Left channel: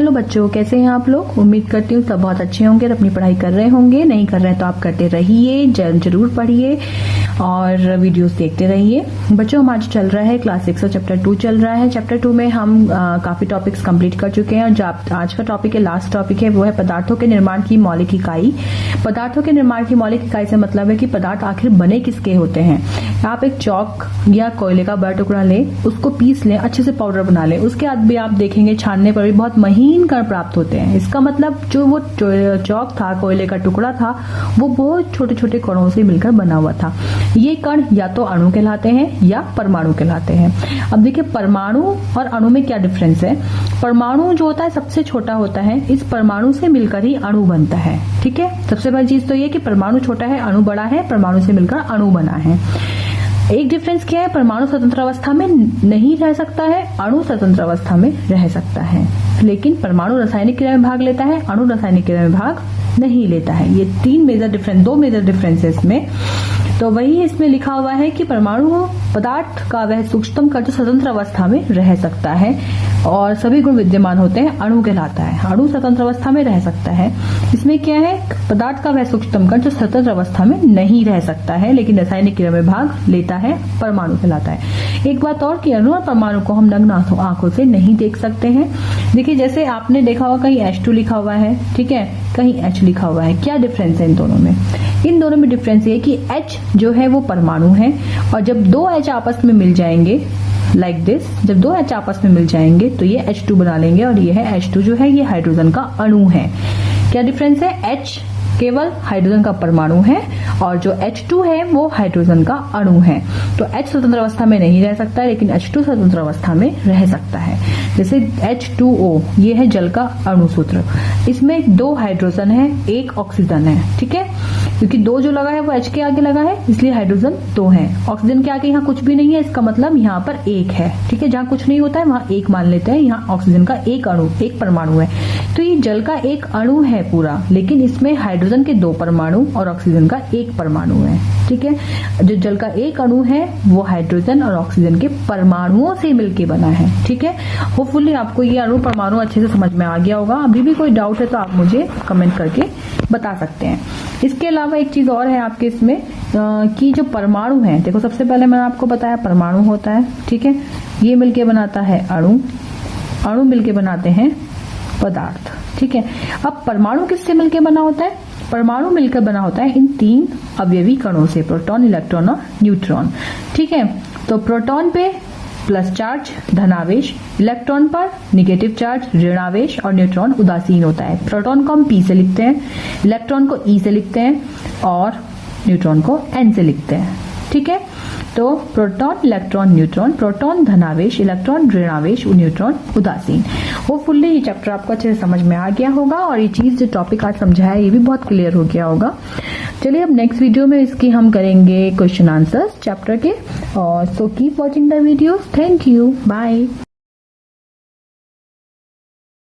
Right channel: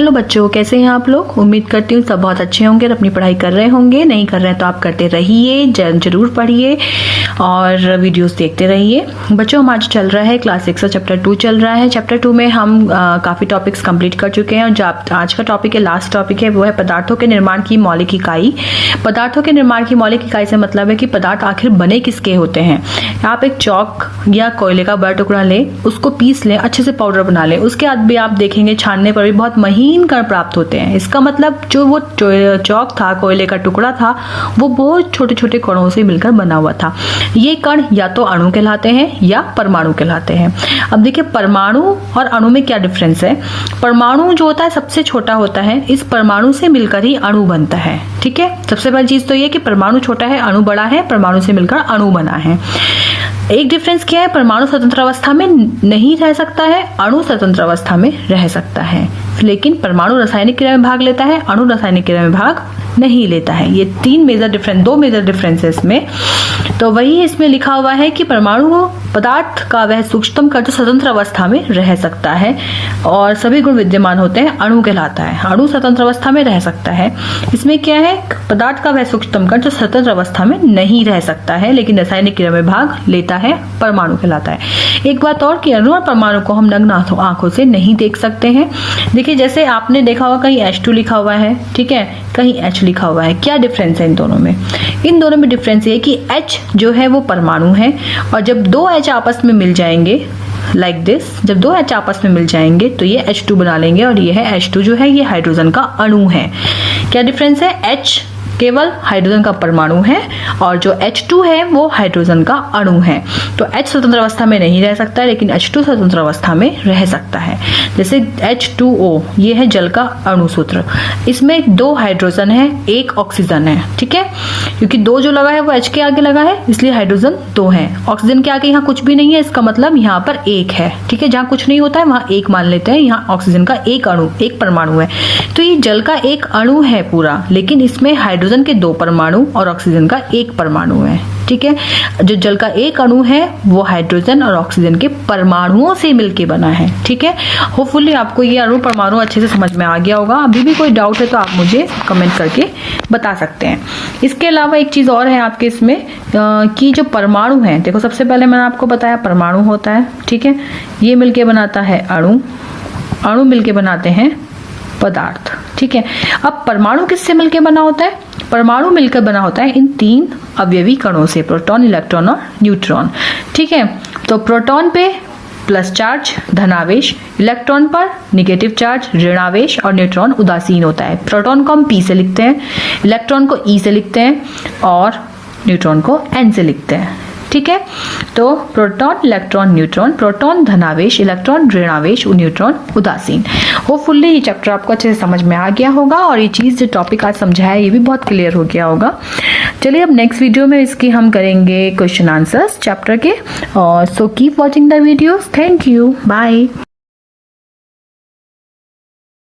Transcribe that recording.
Hello बच्चों, कैसे हैं आप लोग। उम्मीद करती हूँ सब बहुत अच्छे होंगे और अपनी पढ़ाई कर रहे होंगे। नहीं कर रहे हैं तो आप करते रहिए, जरूर पढ़िए और वीडियोस देखते रहिए। बच्चों, हम आज चल रहा है क्लास 6 का चैप्टर 2 चल रहा है। चैप्टर 2 में हम काफ़ी टॉपिक्स कंप्लीट कर चुके हैं और जो आज का टॉपिक है, लास्ट टॉपिक है, वो है पदार्थों के निर्माण की मौलिक इकाई। पदार्थों के निर्माण की मौलिक इकाई से मतलब है कि पदार्थ आखिर बने किसके होते हैं। आप एक चौक या कोयले का बड़ा टुकड़ा लें, उसको पीस लें, अच्छे से पाउडर बना लें, उसके बाद भी आप देखेंगे छानने पर भी बहुत महीन कण प्राप्त होते हैं। इसका मतलब जो वो चौक था, कोयले का टुकड़ा था, वो बहुत छोटे छोटे कणों से मिलकर बना हुआ था। ये कण या तो अणु कहलाते हैं या परमाणु कहलाते हैं। अब देखिए, परमाणु और अणु में क्या डिफरेंस है। परमाणु जो होता है सबसे छोटा होता है, इस परमाणु से मिलकर ही अणु बनता है। ठीक है, सबसे पहली चीज तो ये कि परमाणु छोटा है, अणु बड़ा है, परमाणु से मिलकर अणु बना है। एक डिफरेंस क्या है, परमाणु स्वतंत्र अवस्था में नहीं रह सकता है, अणु स्वतंत्र अवस्था में रह सकता है। लेकिन परमाणु रासायनिक क्रिया में भाग लेता है, अणु रासायनिक क्रिया में भाग नहीं लेता है। ये दो मेजर डिफरेंस है इसमें। तो वही इसमें लिखा हुआ है कि परमाणु पदार्थ का वह सूक्ष्मतम कण स्वतंत्र अवस्था में रह सकता है और सभी गुण विद्यमान होते हैं, अणु कहलाता है। अणु स्वतंत्र अवस्था में रह सकता है। इसमें क्या है, पदार्थ का वह सूक्ष्मतम कण जो स्वतंत्र अवस्था में नहीं रह सकता है लेकिन रासायनिक क्रिया में भाग लेता है, परमाणु कहलाता है। एक बात और कि अणु और परमाणु को हम नग्न आंखों से नहीं देख सकते हैं। देखिए, जैसे आपने देखा होगा कहीं H2 लिखा हुआ है, ठीक है, कहीं H लिखा हुआ है। क्या डिफरेंस है इन दोनों में? इन दोनों में डिफरेंस ये है कि H जो है वो परमाणु है और जब दो H आपस में मिल जाएंगे लाइक दिस, जब दो H आपस में मिल जाएंगे तो ये H2 बना लेंगे और ये है H2 जो है ये हाइड्रोजन का अणु है। क्या डिफरेंस है? H केवल हाइड्रोजन का परमाणु है और जो H2 है वो हाइड्रोजन का अणु है। तो H स्वतंत्र अवस्था में नहीं रह सकता है लेकिन H2 स्वतंत्र अवस्था में रह सकता है। जैसे H2O, ये है जल का अणु सूत्र। इसमें 2 हाइड्रोजन है, 1 ऑक्सीजन है। ठीक है, क्योंकि 2 जो लगा है वो H के आगे लगा है, इसलिए हाइड्रोजन 2 है। ऑक्सीजन के आगे यहाँ कुछ भी नहीं है, इसका मतलब यहाँ पर 1 है। ठीक है, जहाँ कुछ नहीं होता है वहाँ 1 मान लेते हैं। यहाँ ऑक्सीजन का 1 अणु, 1 परमाणु है। तो ये जल का 1 अणु है पूरा, लेकिन इसमें हाइड्रोजन के 2 परमाणु और ऑक्सीजन का 1 परमाणु है। ठीक है, जो जल का 1 अणु है वो हाइड्रोजन और ऑक्सीजन के परमाणुओं से मिलके बना है। ठीक है, होपफुली आपको ये अणु परमाणु अच्छे से समझ में आ गया होगा। अभी भी कोई डाउट है तो आप मुझे कमेंट करके बता सकते हैं। इसके अलावा एक चीज और है आपके इसमें कि जो परमाणु है, देखो सबसे पहले मैंने आपको बताया परमाणु होता है। ठीक है, ये मिलके बनाता है अणु, अणु मिलके बनाते हैं पदार्थ। ठीक है, अब परमाणु किससे मिलकर बना होता है? परमाणु मिलकर बना होता है इन 3 अवयवी कणों से, प्रोटॉन, इलेक्ट्रॉन और न्यूट्रॉन। ठीक है, तो प्रोटॉन पे प्लस चार्ज धनावेश, इलेक्ट्रॉन पर निगेटिव चार्ज ऋणावेश और न्यूट्रॉन उदासीन होता है। प्रोटॉन को हम P से लिखते हैं, इलेक्ट्रॉन को E से लिखते हैं और न्यूट्रॉन को N से लिखते हैं। ठीक है, तो प्रोटॉन, इलेक्ट्रॉन, न्यूट्रॉन, प्रोटॉन धनावेश, इलेक्ट्रॉन ऋणावेश, न्यूट्रॉन उदासीन। होपफुली ये चैप्टर आपको अच्छे से समझ में आ गया होगा और ये चीज़ जो टॉपिक आज समझाया ये भी बहुत क्लियर हो गया होगा। चलिए, अब नेक्स्ट वीडियो में इसकी हम करेंगे क्वेश्चन आंसर्स चैप्टर के। और so keep watching the videos. Thank you, bye.